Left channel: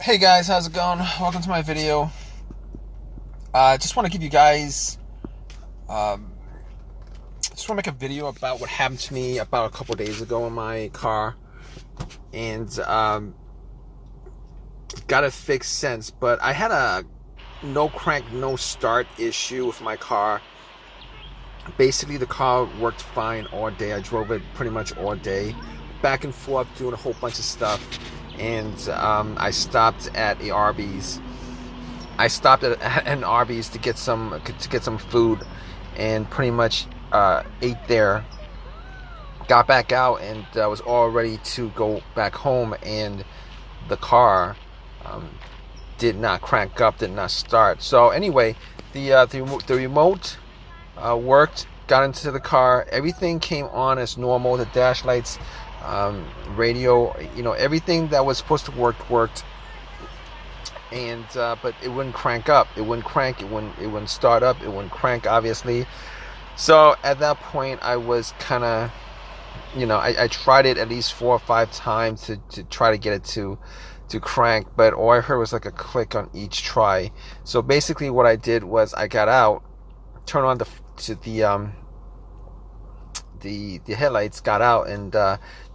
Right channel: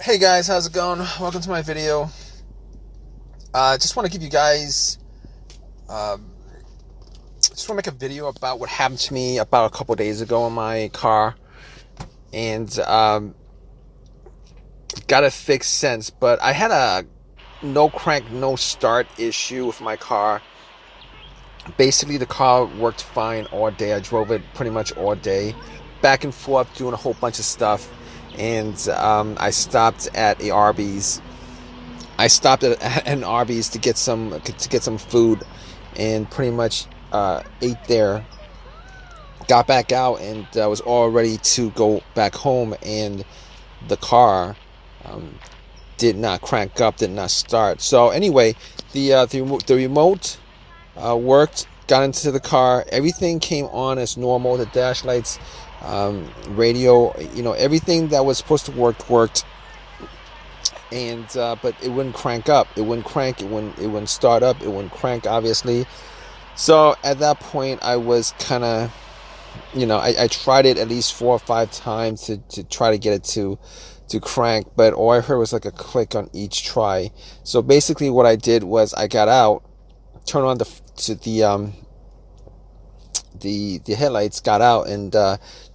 Hey guys, how's it going? Welcome to my video. Just want to give you guys, just want to make a video about what happened to me about a couple days ago in my car, and got it fixed since. But I had a no crank, no start issue with my car. Basically, the car worked fine all day. I drove it pretty much all day, back and forth, doing a whole bunch of stuff, and I stopped at a Arby's. I stopped at an Arby's to get some food, and pretty much ate there. Got back out and was all ready to go back home, and the car um, did not crank up, did not start. So anyway, the remote worked. Got into the car. Everything came on as normal. The dash lights, radio, everything that was supposed to worked. And but it wouldn't crank up. It wouldn't crank. It wouldn't start up. It wouldn't crank, obviously. So at that point, I was kind of, I tried it at least 4 or 5 times to try to get it to crank, but all I heard was like a click on each try. So basically, what I did was I got out, turned on the headlights, got out, and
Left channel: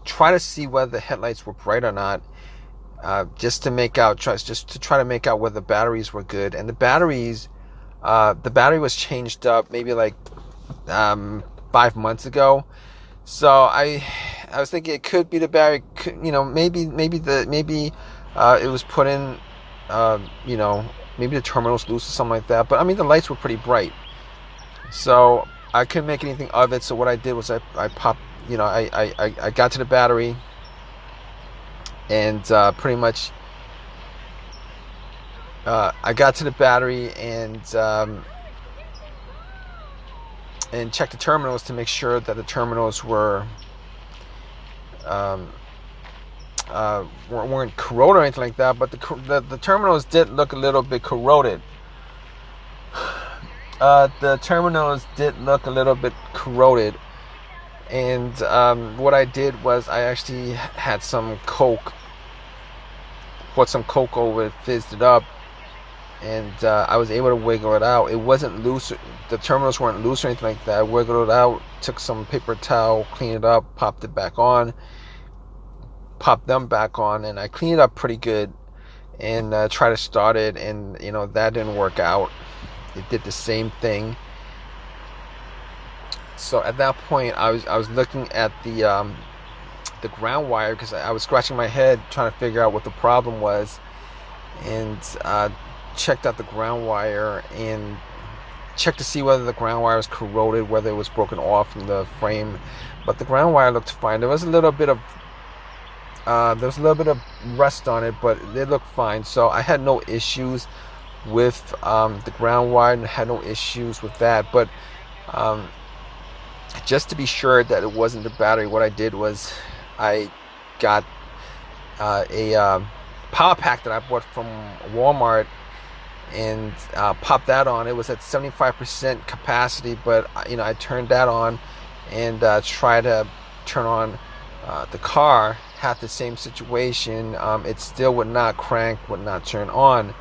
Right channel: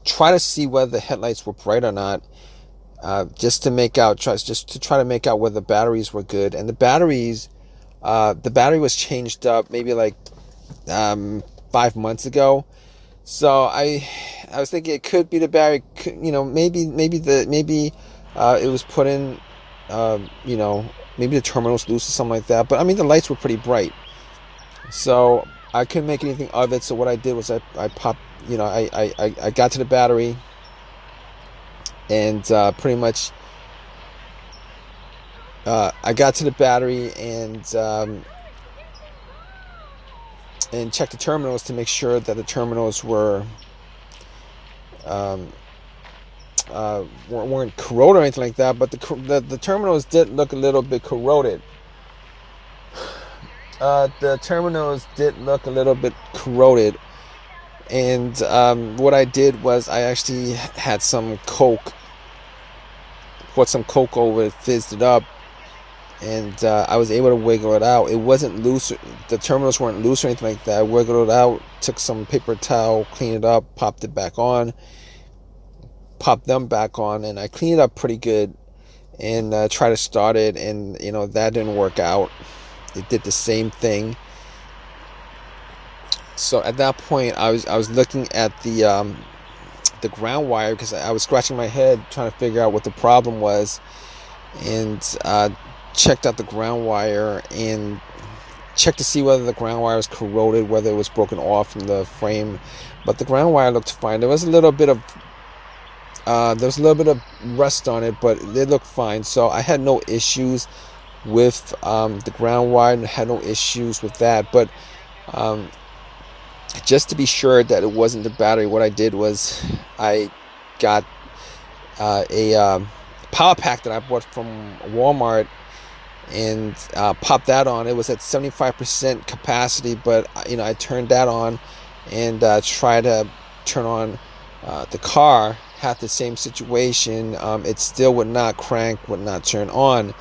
try to see whether the headlights were bright or not. Just to try to make out whether the batteries were good. And the battery was changed up maybe like 5 months ago. So I was thinking it could be the battery. Maybe it was put in. Maybe the terminal's loose or something like that. But I mean, the lights were pretty bright, so I couldn't make anything of it. So what I did was I popped. I got to the battery. And pretty much, I got to the battery and checked the terminals to make sure that the terminals weren't corroded or anything like that. But the terminals did look a little bit corroded. And what I did was I actually had some Coke, poured some Coke over it, fizzed it up, and I was able to wiggle it out. It wasn't loose. The terminals weren't loose or anything like that. I wiggled it out, took some paper towel, cleaned it up, popped them back on, and I cleaned it up pretty good, and tried to start it, and that didn't work out. It did the same thing. So at that point, I was looking at the ground wire, because I was scratching my head trying to figure out what the problem was, and checked out the ground wire and checked to see whether the ground wire was corroded, whether it was broken off from the frame. But the ground wire looked fine. There was a little bit of rust on it, but it looked fine. So I had no issues with the ground wire, and had no issues with that. But just to be sure that it wasn't the battery, what I did was I got a power pack that I bought from Walmart, and popped that on. It was at 75% capacity, but I turned that on and tried to turn on the car. Had the same situation. It still would not crank, would not turn on.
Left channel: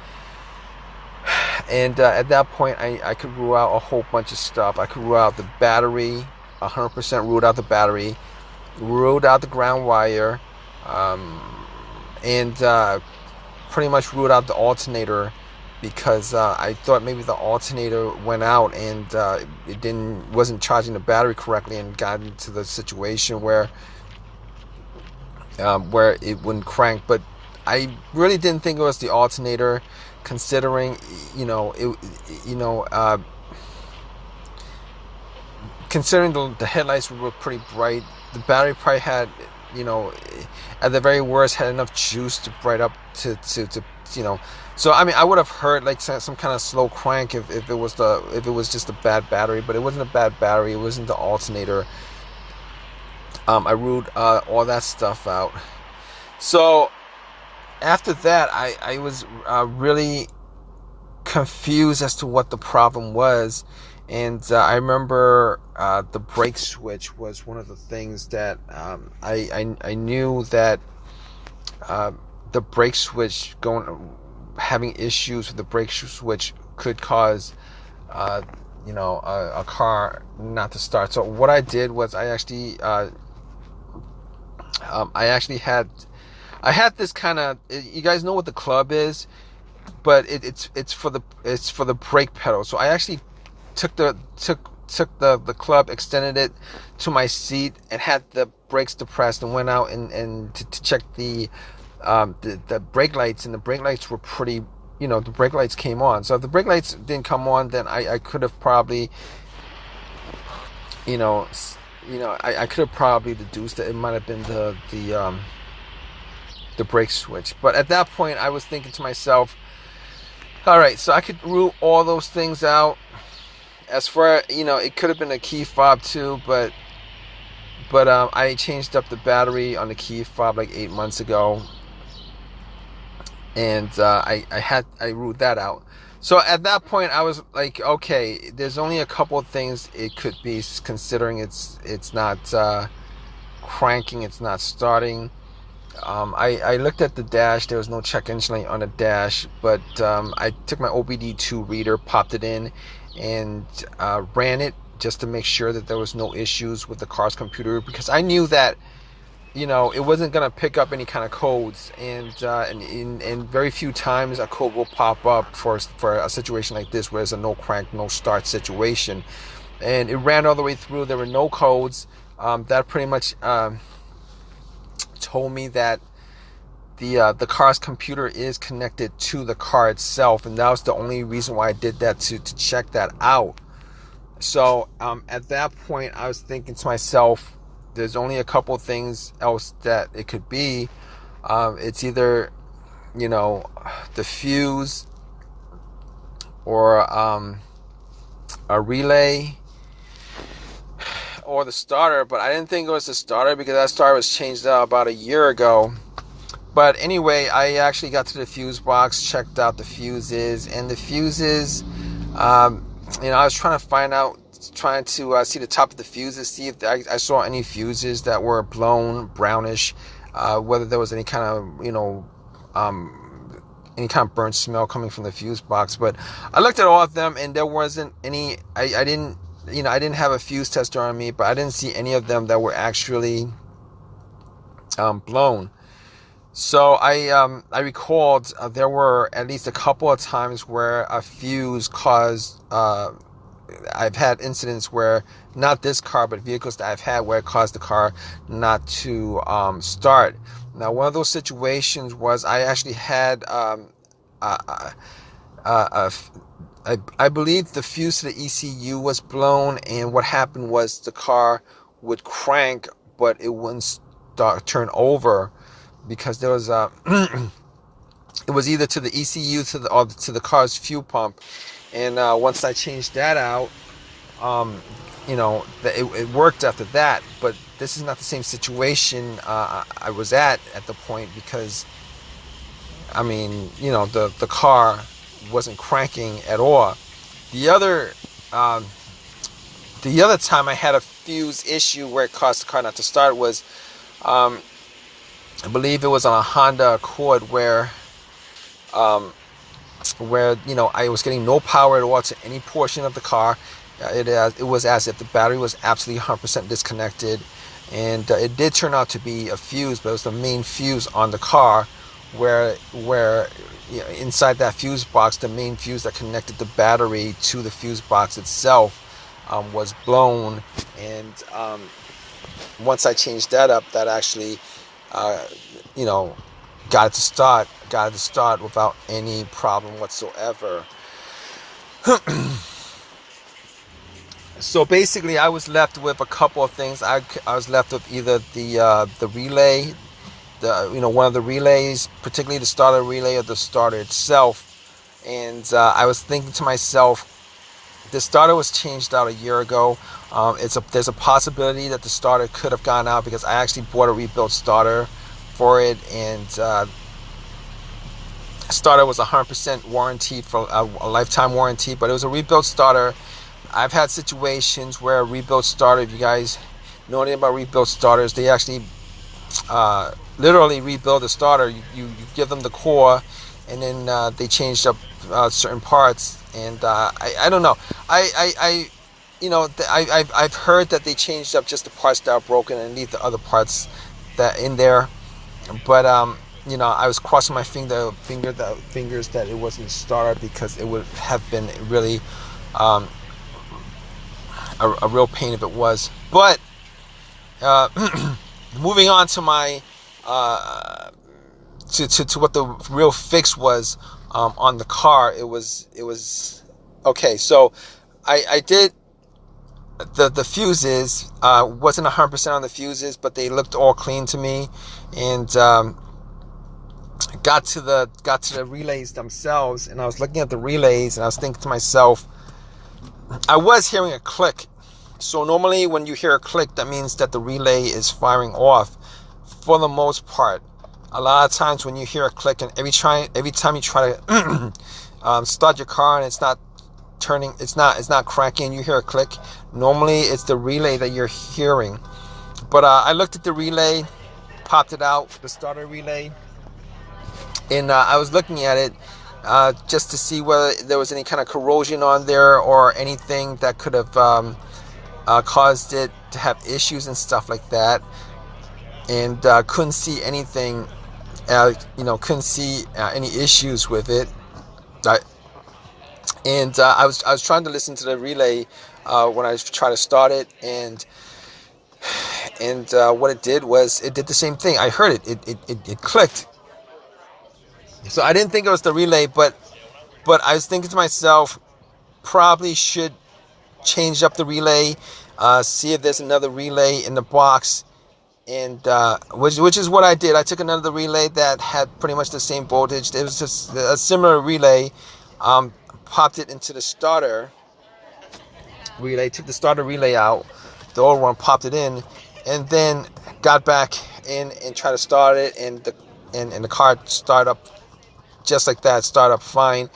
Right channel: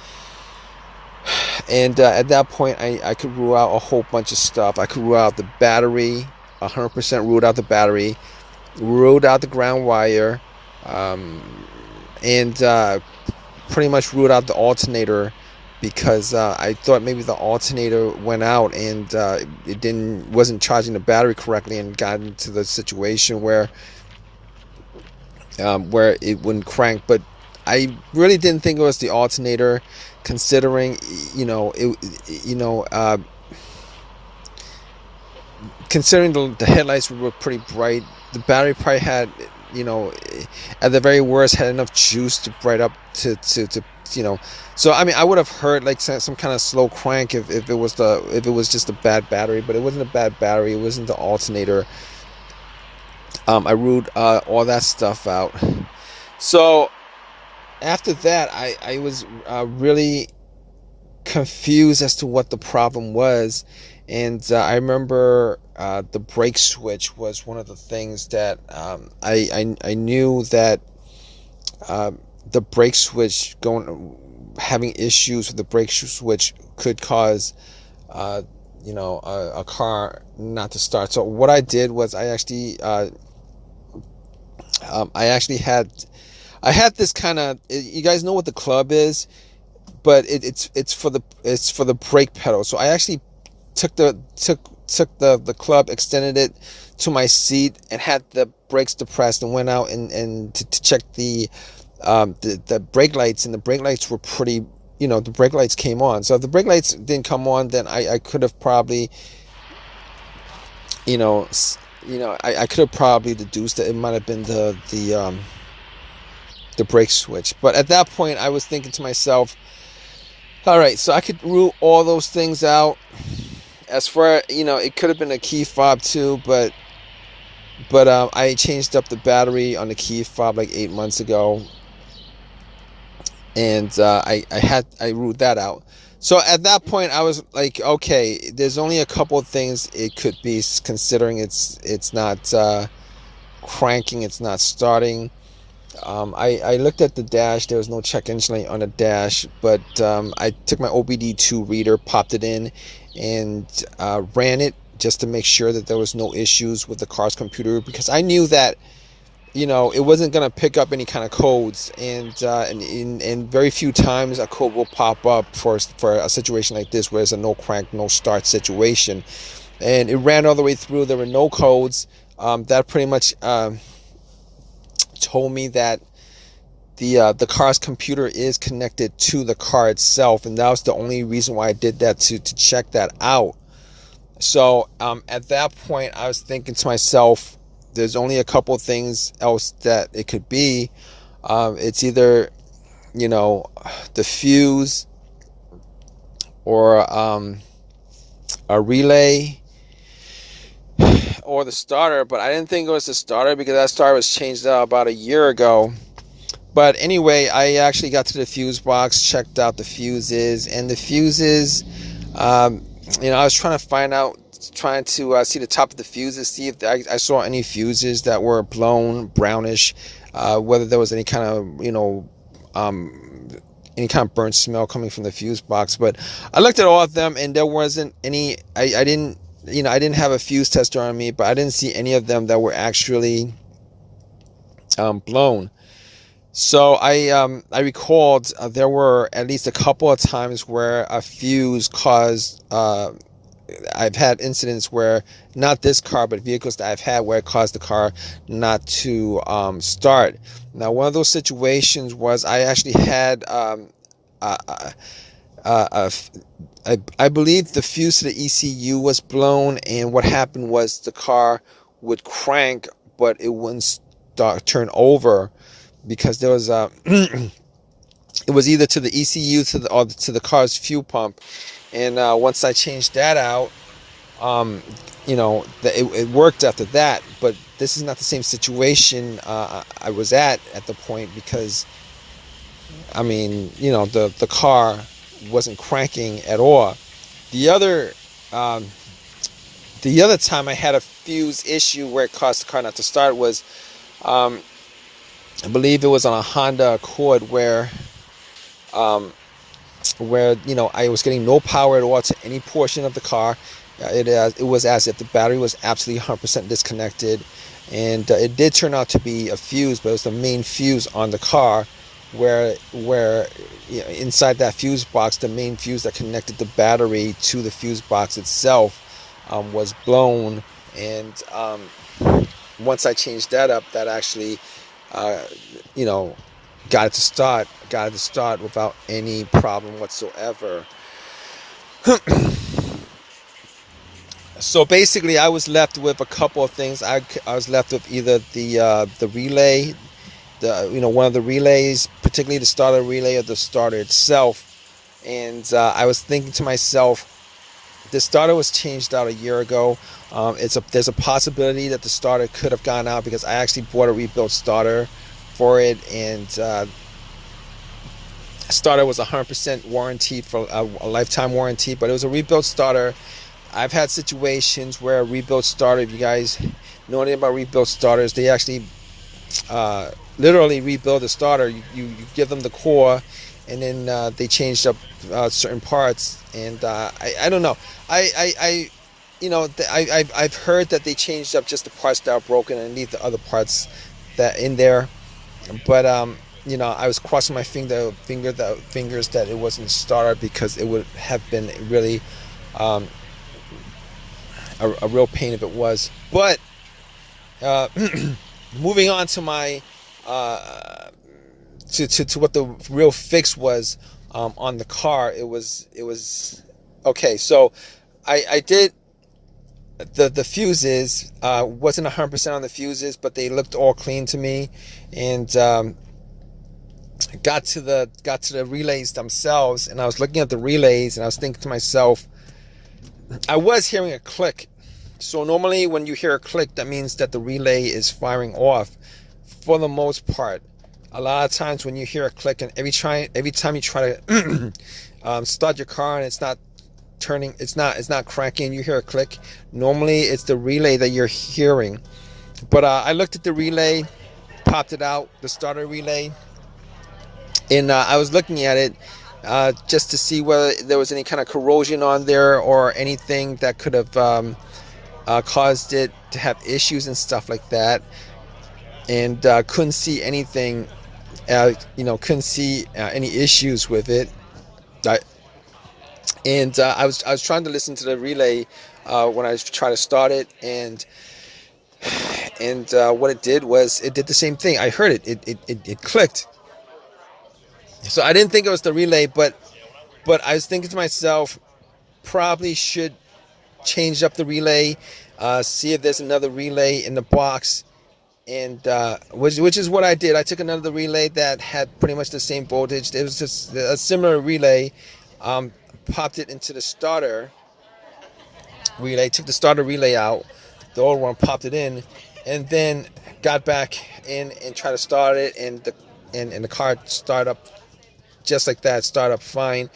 And at that point, I could rule out a whole bunch of stuff. I could rule out the battery, 100% ruled out the battery, ruled out the ground wire, and pretty much ruled out the alternator, because I thought maybe the alternator went out and it wasn't charging the battery correctly, and got into the situation where it wouldn't crank. But I really didn't think it was the alternator, considering considering the headlights were pretty bright. The battery probably had, at the very worst, had enough juice to bright up to. So I mean, I would have heard like some kind of slow crank if it was just a bad battery, but it wasn't a bad battery. It wasn't the alternator. I ruled all that stuff out. So after that, I was really confused as to what the problem was. And I remember the brake switch was one of the things that I knew that the brake switch having issues with the brake switch could cause a car not to start. So what I did was I actually had this kind of, you guys know what the club is, but it's for the brake pedal. So I actually took the club, extended it to my seat, and had the brakes depressed, and went out and to check the brake lights, and the brake lights were pretty, the brake lights came on. So if the brake lights didn't come on, then I could have probably, I could have probably deduced that it might have been the brake switch. But at that point, I was thinking to myself, all right, so I could rule all those things out. As far, it could have been a key fob too, but I changed up the battery on the key fob like 8 months ago, and I ruled that out. So at that point, I was like, okay, there's only a couple of things it could be, considering it's not cranking, it's not starting. I looked at the dash. There was no check engine light on the dash, but I took my OBD2 reader, popped it in, and ran it just to make sure that there was no issues with the car's computer, because I knew that it wasn't going to pick up any kind of codes, and very few times a code will pop up for a situation like this, where it's a no crank, no start situation. And it ran all the way through. There were no codes. That pretty much told me that the car's computer is connected to the car itself, and that was the only reason why I did that, to check that out. So at that point, I was thinking to myself, there's only a couple things else that it could be. It's either the fuse, or a relay, or the starter. But I didn't think it was the starter, because that starter was changed out about a year ago. But anyway, I actually got to the fuse box, checked out the fuses, and the fuses, I was trying to see the top of the fuses, see if I saw any fuses that were blown, brownish, whether there was any kind of burnt smell coming from the fuse box. But I looked at all of them, and there wasn't any. I didn't have a fuse tester on me, but I didn't see any of them that were actually blown. So I recalled there were at least a couple of times where a fuse caused. I've had incidents where, not this car, but vehicles that I've had, where it caused the car not to start. Now, one of those situations was I actually had I believe the fuse to the ECU was blown, and what happened was the car would crank, but it wouldn't turn over, because there was it was either to the ECU or to the car's fuel pump. And once I changed that out, it worked after that. But this is not the same situation I was at the point, because the car wasn't cranking at all. The other time I had a fuse issue where it caused the car not to start was, I believe it was on a Honda Accord, where I was getting no power at all to any portion of the car. It was as if the battery was absolutely 100% disconnected, and it did turn out to be a fuse, but it was the main fuse on the car, where inside that fuse box, the main fuse that connected the battery to the fuse box itself was blown. And once I changed that up, that actually got it to start without any problem whatsoever. So basically, I was left with a couple of things. I was left with either the relay, one of the relays, particularly the starter relay, or the starter itself. And I was thinking to myself, the starter was changed out a year ago. There's a possibility that the starter could have gone out, because I actually bought a rebuilt starter for it, and starter was 100% warranted, for a lifetime warranty, but it was a rebuilt starter. I've had situations where a rebuilt starter, if you guys know anything about rebuilt starters, they actually literally rebuild the starter. You give them the core, and then they changed up certain parts. And I don't know. I you know, I've heard that they changed up just the parts that are broken and leave the other parts that in there. But you know, I was crossing my fingers that it wasn't a starter, because it would have been really um, a real pain if it was. But moving on to my to what the real fix was on the car. It was okay. So I did the fuses. Wasn't 100% on the fuses, but they looked all clean to me. And got to the relays themselves, and I was looking at the relays, and I was thinking to myself, I was hearing a click. So normally when you hear a click, that means that the relay is firing off. For the most part, a lot of times when you hear a click, and every time you try to start your car and it's not turning, it's not cranking, you hear a click, normally it's the relay that you're hearing. But I looked at the relay, popped it out, the starter relay, and I was looking at it just to see whether there was any kind of corrosion on there or anything that could have caused it to have issues and stuff like that. And couldn't see anything, couldn't see any issues with it. I was trying to listen to the relay when I was trying to start it, and what it did was it did the same thing. I heard it. It clicked. So I didn't think it was the relay, but I was thinking to myself, probably should change up the relay, see if there's another relay in the box, and which is what I did. I took another relay that had pretty much the same voltage. It was just a similar relay. Popped it into the starter relay, took the starter relay out, the old one, popped it in, and then got back in and tried to start it, and the car started up just like that, start up fine.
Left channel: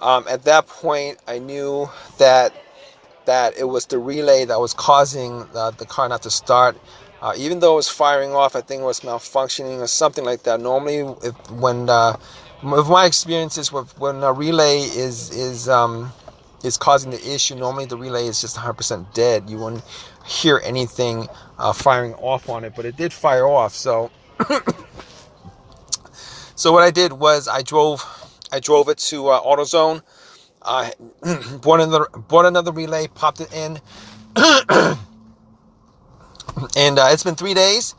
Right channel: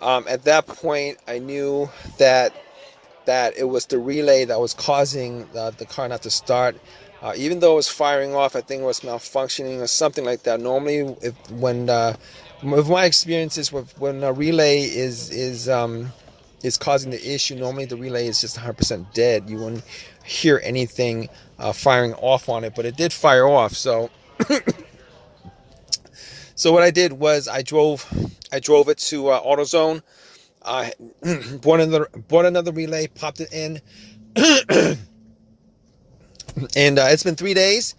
At that point, I knew that it was the relay that was causing the car not to start. Even though it was firing off, I think it was malfunctioning or something like that. Normally, with my experiences, when a relay is causing the issue, normally the relay is just 100% dead. You wouldn't hear anything firing off on it, but it did fire off. So what I did was I drove it to AutoZone. Bought another relay, popped it in, and it's been 3 days.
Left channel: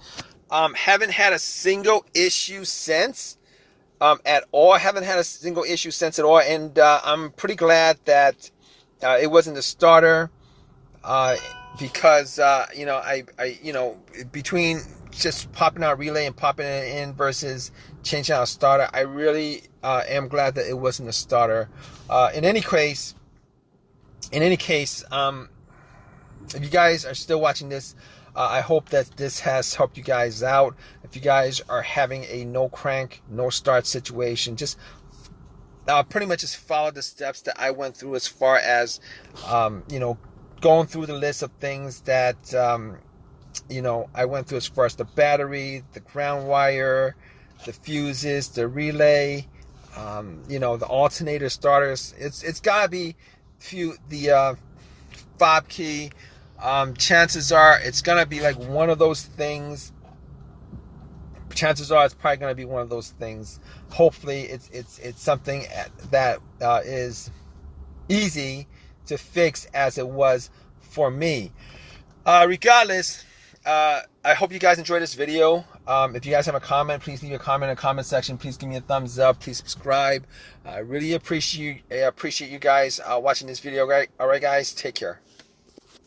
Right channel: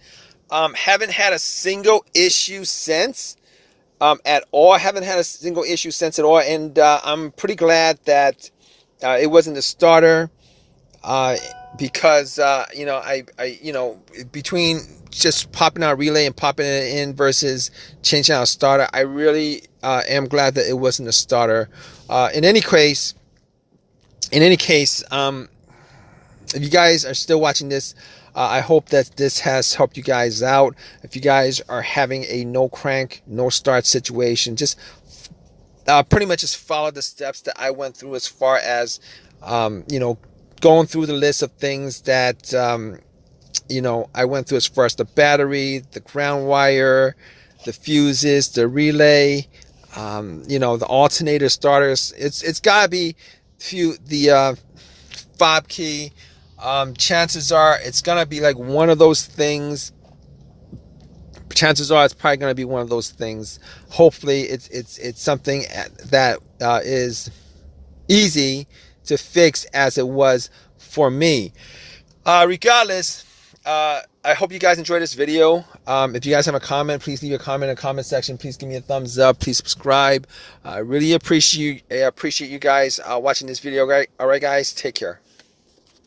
Haven't had a single issue since at all. Haven't had a single issue since at all, and I'm pretty glad that it wasn't the starter, because between just popping out a relay and popping it in versus changing out a starter, I really am glad that it wasn't a starter. In any case, if you guys are still watching this, I hope that this has helped you guys out. If you guys are having a no crank, no start situation, just pretty much just follow the steps that I went through, as far as going through the list of things that I went through, as far as the battery, the ground wire, the fuses, the relay, the alternator starters. It's gotta be the fob key. Chances are it's gonna be like one of those things. Chances are it's probably gonna be one of those things. Hopefully it's something that is easy to fix, as it was for me. Regardless, I hope you guys enjoyed this video. If you guys have a comment, please leave a comment in the comment section. Please give me a thumbs up. Please subscribe. I really appreciate you guys watching this video. All right, guys, take care.